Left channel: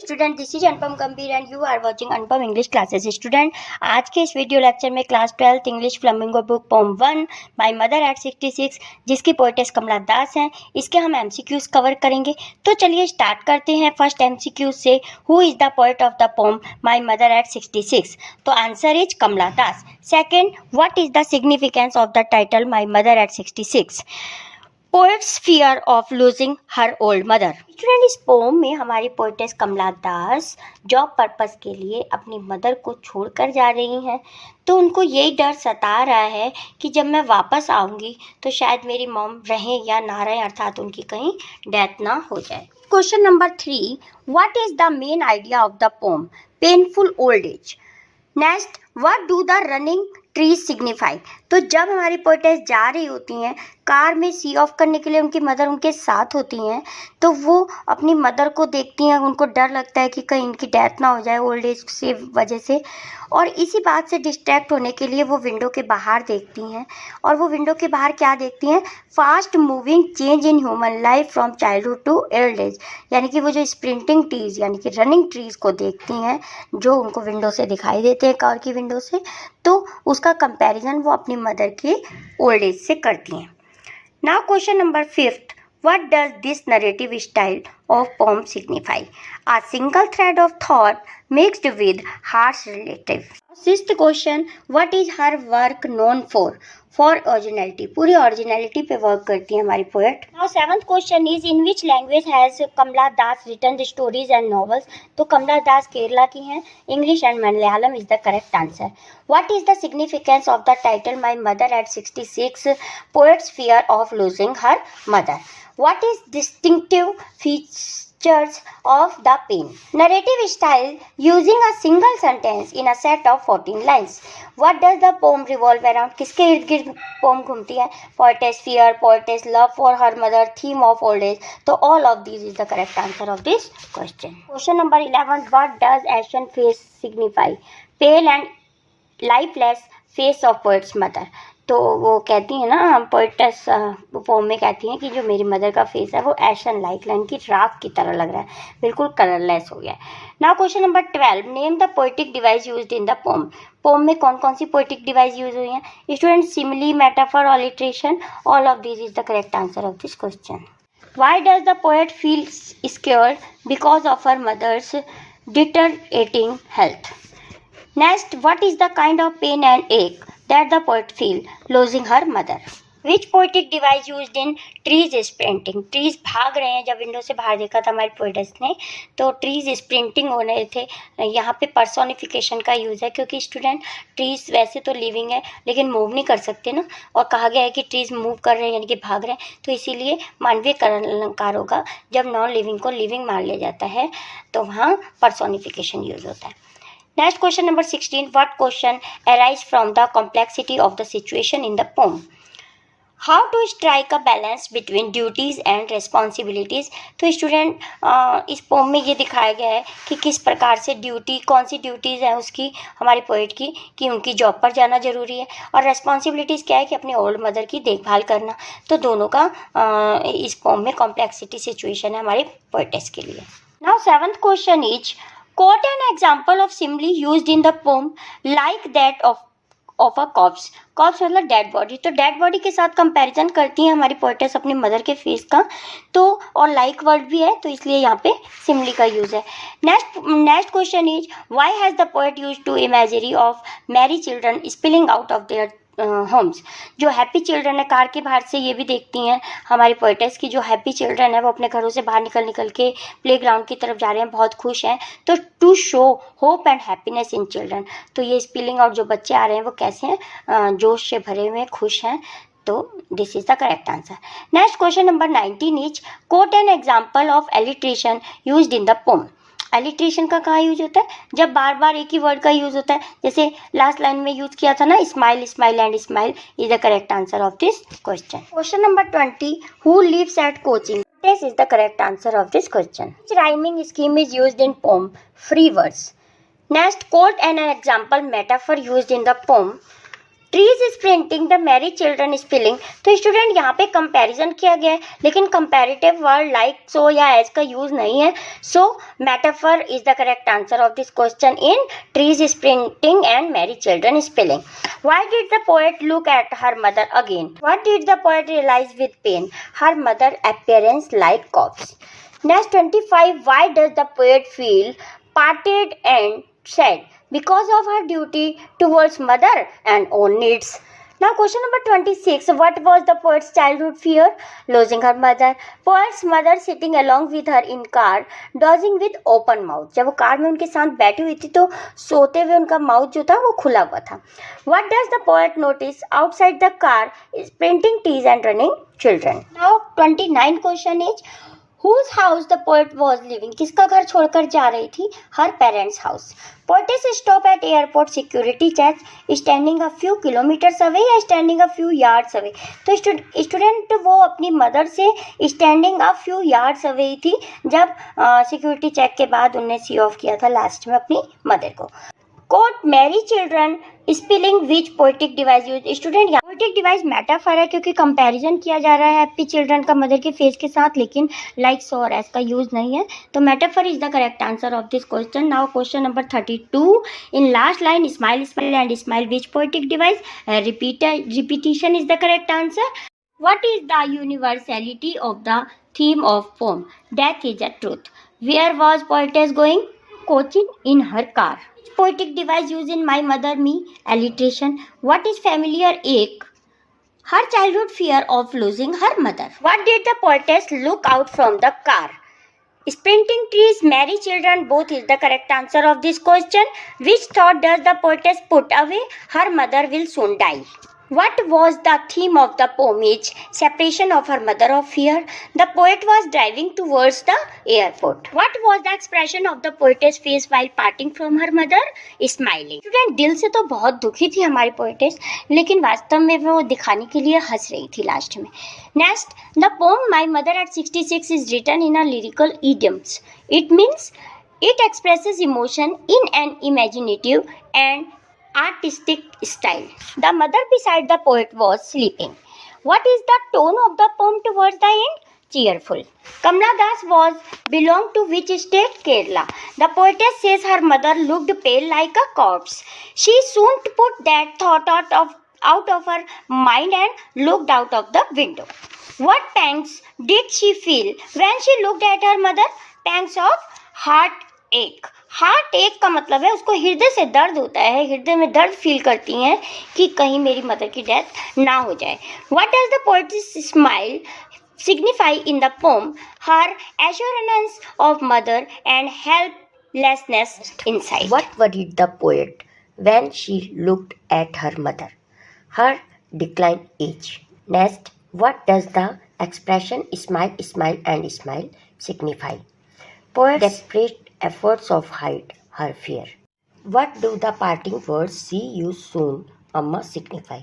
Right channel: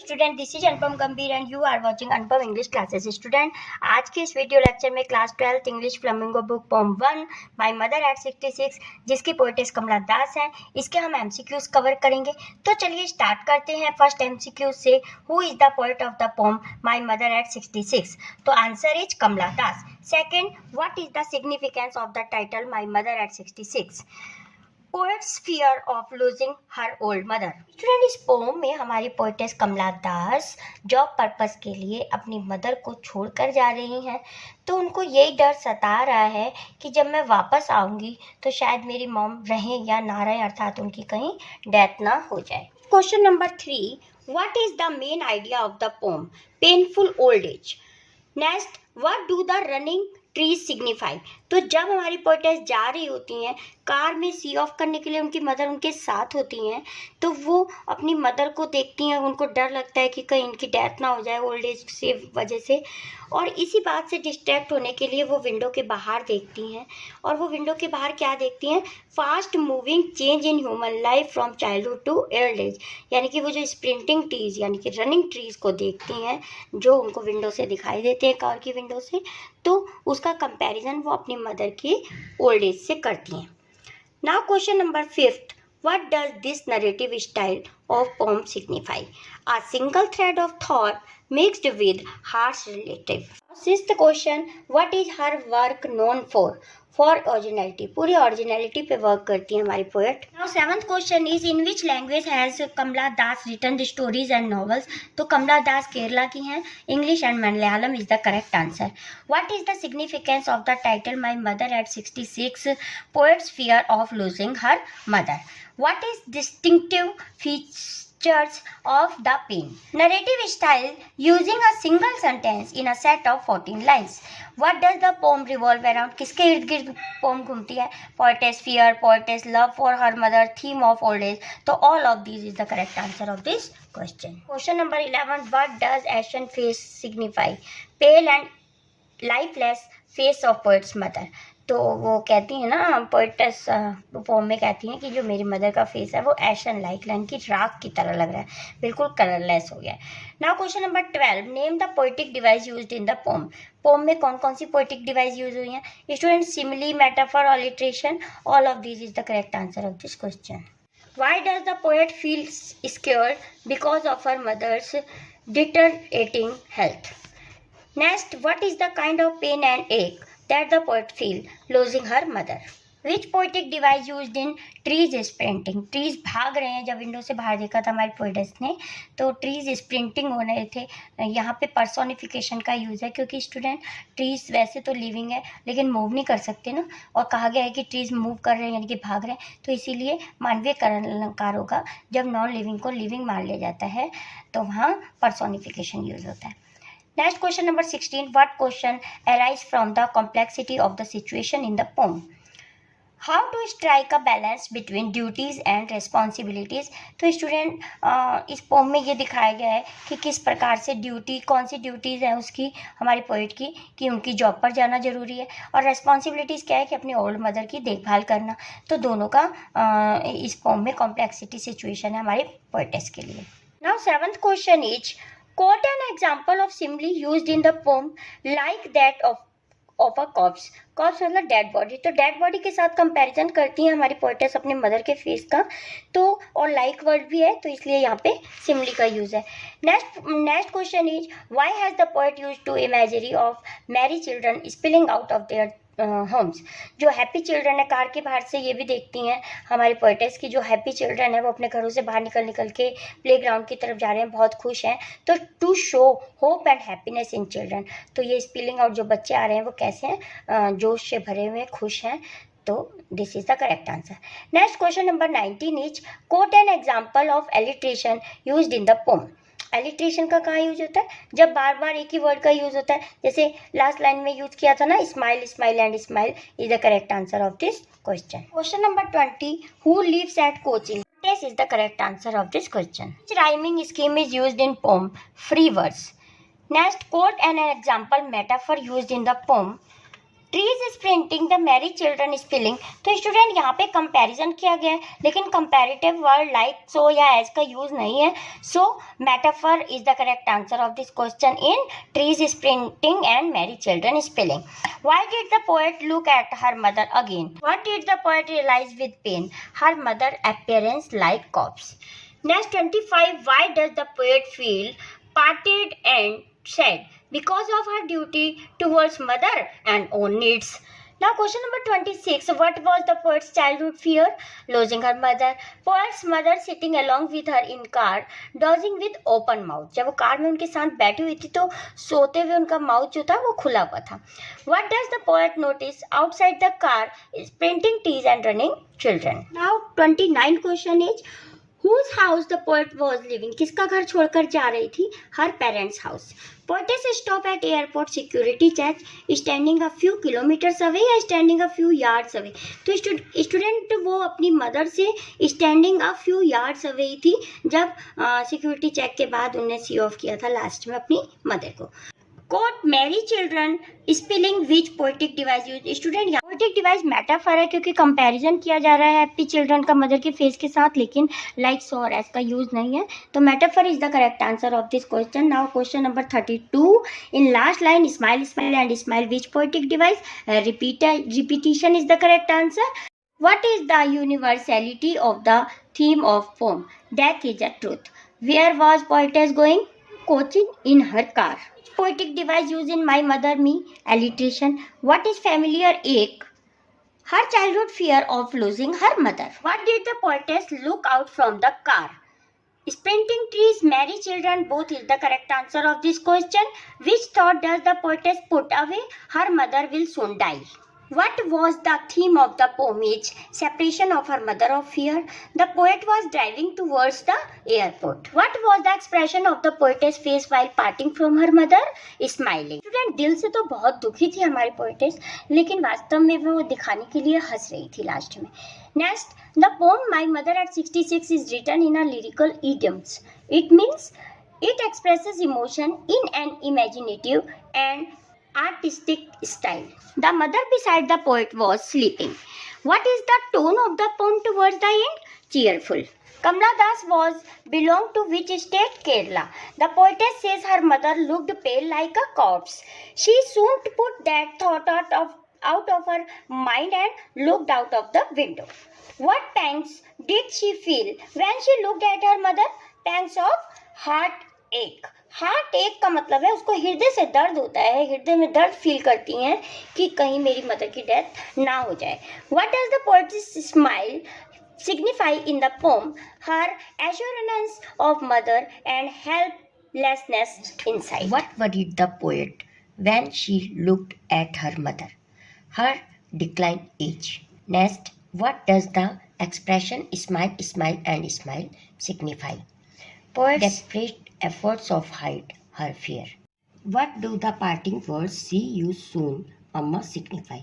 Student, this is Anupam Gambhir and you are watching Anupam English classes. Student, आज के इस video lecture में class 12 English Flamingo book poem 1 my mother at 66 जिसकी पोएटेस कमला दास हैं, इसके हम एमसीक्यूज कवर करेंगे। तो चलिए स्टार्ट करते हैं फर्स्ट एमसीक्यू से। Who is the poet of the poem my mother at 66? तो answer is Kamala Das. Second, what is the significance of the title my mother at 66? Poet's fear of losing her old mother. Student, इस poem में हमारी poetess Kamala Das job purpose के लिए अपनी मदर को छोड़कर जा रही हैं। तो उनको यही डर सता रहा है कि जब मैं वापस आऊंगी तो शायद मेरी मॉम रहें या ना रहें, अर्थात उनकी कहीं डेथ ना हो जाए। Question number 3, what is the main idea of the pome? Painful old age. Next, what do the running trees signify? तो जब हमारी पोएटेस जा रही होती हैं कार में सी ऑफ करने के लिए, उनकी मदर उनके साथ होती हैं, तो वो अपनी मदर को देखती हैं, उनको डर लगता है कि कहीं इनकी डेथ ना हो जाए ओल्ड एज से वजह से, और इसी बात से डिस्ट्रैक्ट होने के लिए वो विंडो के बाहर देखती हैं। और वो विंडो के बाहर क्या देखती हैं? Fast moving change in human life from childhood to old age, यानी कि वो जो स्प्रिंटिंग ट्रीज यानी कि रनिंग ट्रीज को देखती हैं जो उनको विंडो से दिखाई देते हैं, कार की विंडो से। तो उसका कंपैरिजन वो अपनी मदर की ओल्ड एज से करती हैं। Now question number 5th, what does this narrative style of poem signify? A single thread of thought mixed with harsh relative. 6th question, what is her work known for? For originality. पूरी originality पे work करती है हमारी poet. Now 7th question is, in which language has Kamala Das written the stories and novels? तो कमला दास केरला की हैं। English and Malayalam is the correct answer. What is the significance of the title My Mother at 66? Poet's fear of losing her mother. What is distinctive features of the poem? Narrative style using a single sentence in a set of 14 lines. What does the poem revolve around? किसके इर्द गिर्द पोम घूमती है? Poetess fear, poetess love for her mother, theme of old age. तो all of these is the correct answer of this question. Question number 11, what does ashen face signify? Pale and lifeless face of poet's mother. तो वो कहती है ना, poetess pome में कहती हैं कि जो मेरी मदर का फेस है वो एशन लाइक, यानी कि राख की तरह लग रहा है, बिल्कुल कलरलेस हो गया है। Now question number 12, name the poetic device used in the poem. Poem में कौन कौन सी पोएटिक डिवाइस यूज हुई हैं? Student, simile, metaphor, alliteration, all of this is the correct answer of this question. Why does the poet feel scared? Because of her mother's deteriorating health. Next, what is the kind of pain and ache that the poet feel losing her mother? Which poetic device used in trees sprinting? Trees भाग रहे हैं, जब विंडो से बाहर देखा था हमारी पोएटेस ने तो ट्रीज स्प्रिंटिंग हो रहे थे। यहाँ पे पर्सोनिफिकेशन का यूज़ है, क्योंकि स्टूडेंट ट्रीज वैसे तो लिविंग है लेकिन मूव नहीं कर सकते ना, और कहा गया है कि ट्रीज मूव कर रहे हैं यानी कि भाग रहे हैं, तो इसीलिए मानवीय अलंकार होगा। जब नॉन लिविंग को लिविंग मान लिया जाता है तो वहाँ पर्सोनिफिकेशन यूज होता है। Next, question number 16. What question arise from the complexity of the situation in the poem? How to strike a balance between duties and responsibilities? तो स्टूडेंट, इस पोम में ये दिखाया गया है कि किस प्रकार से ड्यूटी, कौन सी ड्यूटीज़ हैं उसकी, हमारी पोएट की, कि उनकी जॉब पर जाना जरूरी है, और रेस्पॉन्सिबिलिटीज़ क्या है कि अपने ओल्ड मदर की देखभाल करना। तो दोनों का इस पोम में कॉम्प्लेक्सिटी सिचुएशन है हमारी पोएटेस के लिए। Now 7th question is, quote an example of simile used in the poem like that of a corpse. corpse मतलब डेड बॉडी, तो डेड बॉडी के साथ कंपैरिजन करती हैं हमारी पोएटेस अपने मदर के फेस का, तो और लाइक वर्ड भी है तो इसलिए यहाँ पे सिमिली का यूज है। Next question is, why has the poet used to imagery of merry children spilling out of their homes? जो हैप्पी चिल्ड्रन है कार के बाहर से, ये भी देखती हैं हमारी पोएटेस की जो हैप्पी चिल्ड्रन है वो अपने घरों से बाहर निकल के प्लेग्राउंड की तरफ जा रहे हैं, बहुत खुश हैं। तो to show hope and happiness in children, तो ये स्पिलिंग आउट जो बच्चे आ रहे हैं वो कैसे हैं? जोश से भरे हुए, खुश हैं। तो this is the correct answer. Next question number 19 is, quote an example of alliteration used in the poem. Alliteration का कहाँ यूज होता है? जब बार बार एक ही वर्ड का यूज होता है, जैसे लास्ट लाइन में यूज किया था ना, smile smile and smile is the correct answer of this question. Question number 20, who lives at Cochin? This is the correct answer of this question. Which rhyming scheme is used in poem? Free verse. Next, quote an example metaphor used in the poem. Trees sprinting the Mary children spilling. तो स्टूडेंट यहाँ पे कंपैरिजन किया गया है, लेकिन comparative word like so या एज का use नहीं है। So metaphor is the correct answer of this question in trees sprinting and merry children spilling. Why did the poet look at her mother again? What did the poet realise with pain? Her mother appearance like corpse. Next 25, why does the poet feel parted and sad? Because of her duty towards mother and own needs. Now question number 26, what was the poet's childhood fear? Losing her mother. Poet's mother sitting along with her in car, dozing with open mouth. जब वो कार में उनके साथ बैठी हुई थी तो सोते हुए उनका माउथ जो था वो खुला हुआ था. What does the poet notice outside the car is printing trees and running children? Now 29 question is, Whose house the poet was living? किसका घर छोड़कर जा रही थी? Her parents' house. Poetess stop at airport security check, standing a few kilometers away या standing a few yards away? तो स्टूडेंट वो अपनी मदर से standing a few yards away थी जब सिक्योरिटी चेक के बाद उन्हें सी ऑफ किया था लास्ट में अपनी मदर को. कोट मैरी चिल्ड्रन स्पेलिंग विच पोएटिक डिवाइस यूज? स्टूडेंट यहाँ पोएटिक डिवाइस मेटाफर है क्योंकि कंपैरिजन किया जा रहा है हैप्पी चिल्ड्रन का मदर के फेस के साथ, लेकिन लाइक सो और एस का यूज नहीं है. तो metaphor is the correct answer of this question. Now question number 32, in last line smile smile and smile which poetic device? Repetition is the correct answer. What is the universality of the theme of poem? Death is a truth. Where was poetess going? Coaching in her car. Which poetic device used in My Mother Me? Alliteration. What is familiar ache? Her childhood fear of losing her mother. What did the poetess look out from the car? Sprinting trees, merry children, both is the correct answer of this question. Which thought does the poetess put away? Her mother will soon die. What was the theme of the poem? Is separation of her mother of fear. The poet was driving towards the airport. What was the expression of the poetess face while parting from her mother? Smiling. Student, दिल से तो बहुत दुखी थी हमारी पोएटेस, लेकिन वास्तव में वो दिखाने के लिए हंस रही थी लास्ट में. Next, the poem My Mother at 66 is written in a lyrical idioms. It means it expresses emotion in an imaginative and artistic style. The mother beside the poet was sleeping. What is the tone of the poem towards the end? Cheerful. Kamla Das was belonged to which state? Kerala. The poetess says her mother looked pale like a corpse. She soon put that thought out of her mind and looked out of the window. What pangs did she feel when she looked at her mother? Pangs of heartache. Heart एक का मतलब है उसको हृदय से दर्द होता है, हृदय में दर्द फील करती हैं कि कहीं मेरी मदर की डेथ ना हो जाए. What does the poet's smile signify in the poem? Her assurance of mother and helplessness inside. What worried the poet when she looked at her mother? Her decline age. Next, what does the expression smile smile and smile signify? Poet desperate efforts of hide her fear. What do the parting words see you soon, Amma signify?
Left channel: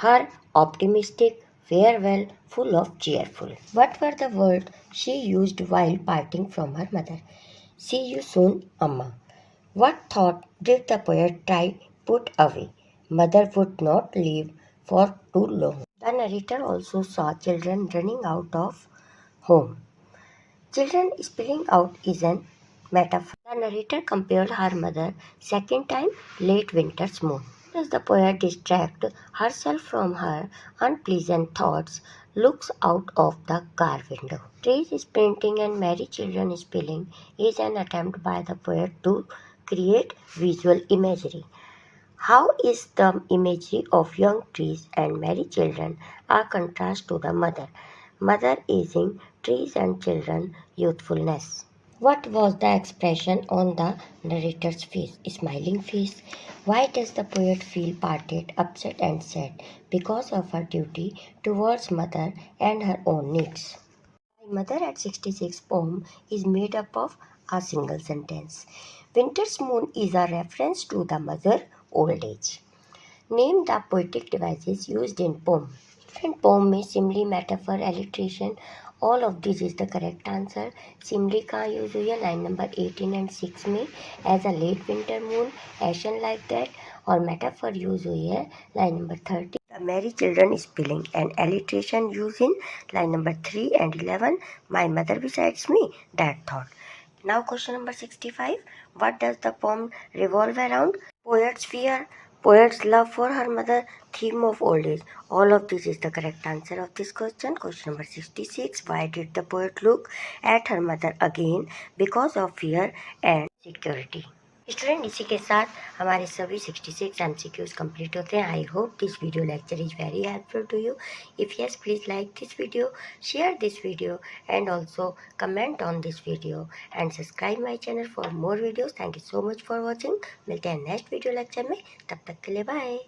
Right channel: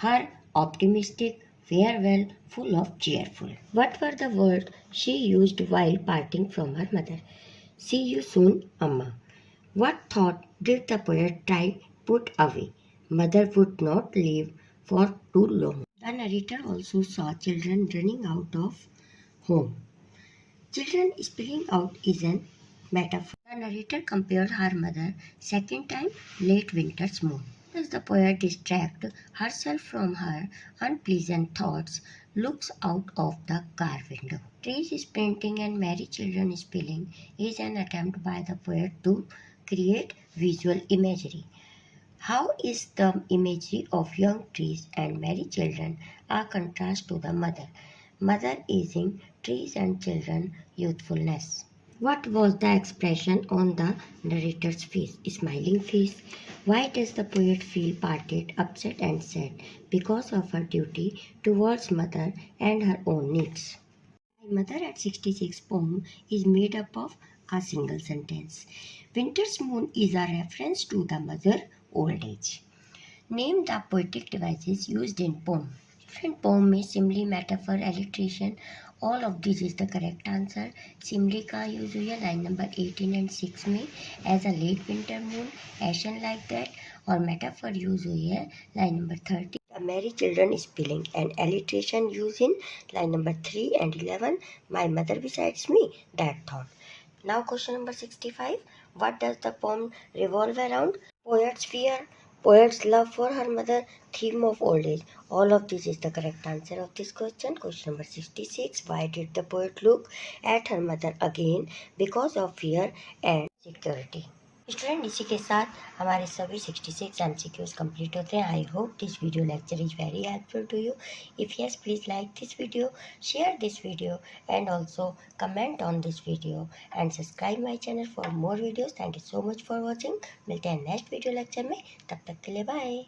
Her optimistic farewell full of cheerful. What were the words she used while parting from her mother? See you soon, Amma. What thought did the poet try put away? Mother would not leave for too long. The narrator also saw children running out of home. Children spilling out is an metaphor. The narrator compared her mother second time late winter's moon. Does the poet distract herself from her unpleasant thoughts, looks out of the car window. Trees sprinting and merry children spilling is an attempt by the poet to create visual imagery. How is the imagery of young trees and merry children a contrast to the mother? Mother aging, trees and children youthfulness. What was the expression on the narrator's face? Smiling face. Why does the poet feel parted, upset and sad? Because of her duty towards mother and her own needs. My Mother at 66 poem is made up of a single sentence. Winter's moon is a reference to the mother old age. Name the poetic devices used in poem. Different poem में simile, metaphor, alliteration, all of this is the correct answer. Simile कहाँ यूज हुई है? Line number 18 and 6 में. As a late winter moon, ashen like that. और metaphor use हुई है line number 30, the Mary children spelling and alliteration use in line number 3 and 11, my mother besides me, that thought. Now question number 65. What does the poem revolve around? Poet's fear, poet's love for her mother, theme of old age. All of this is the correct answer of this question. Question number 66. Why did the poet look at her mother again? Because of fear and security. Student, इसी के साथ हमारे सभी 66 MCQs complete होते हैं. I hope this video lecture is very helpful to you. If yes, please like this video, share this video and also comment on this video and subscribe my channel for more videos. Thank you so much for watching. मिलते हैं next video lecture में. तब तक के लिए बाय.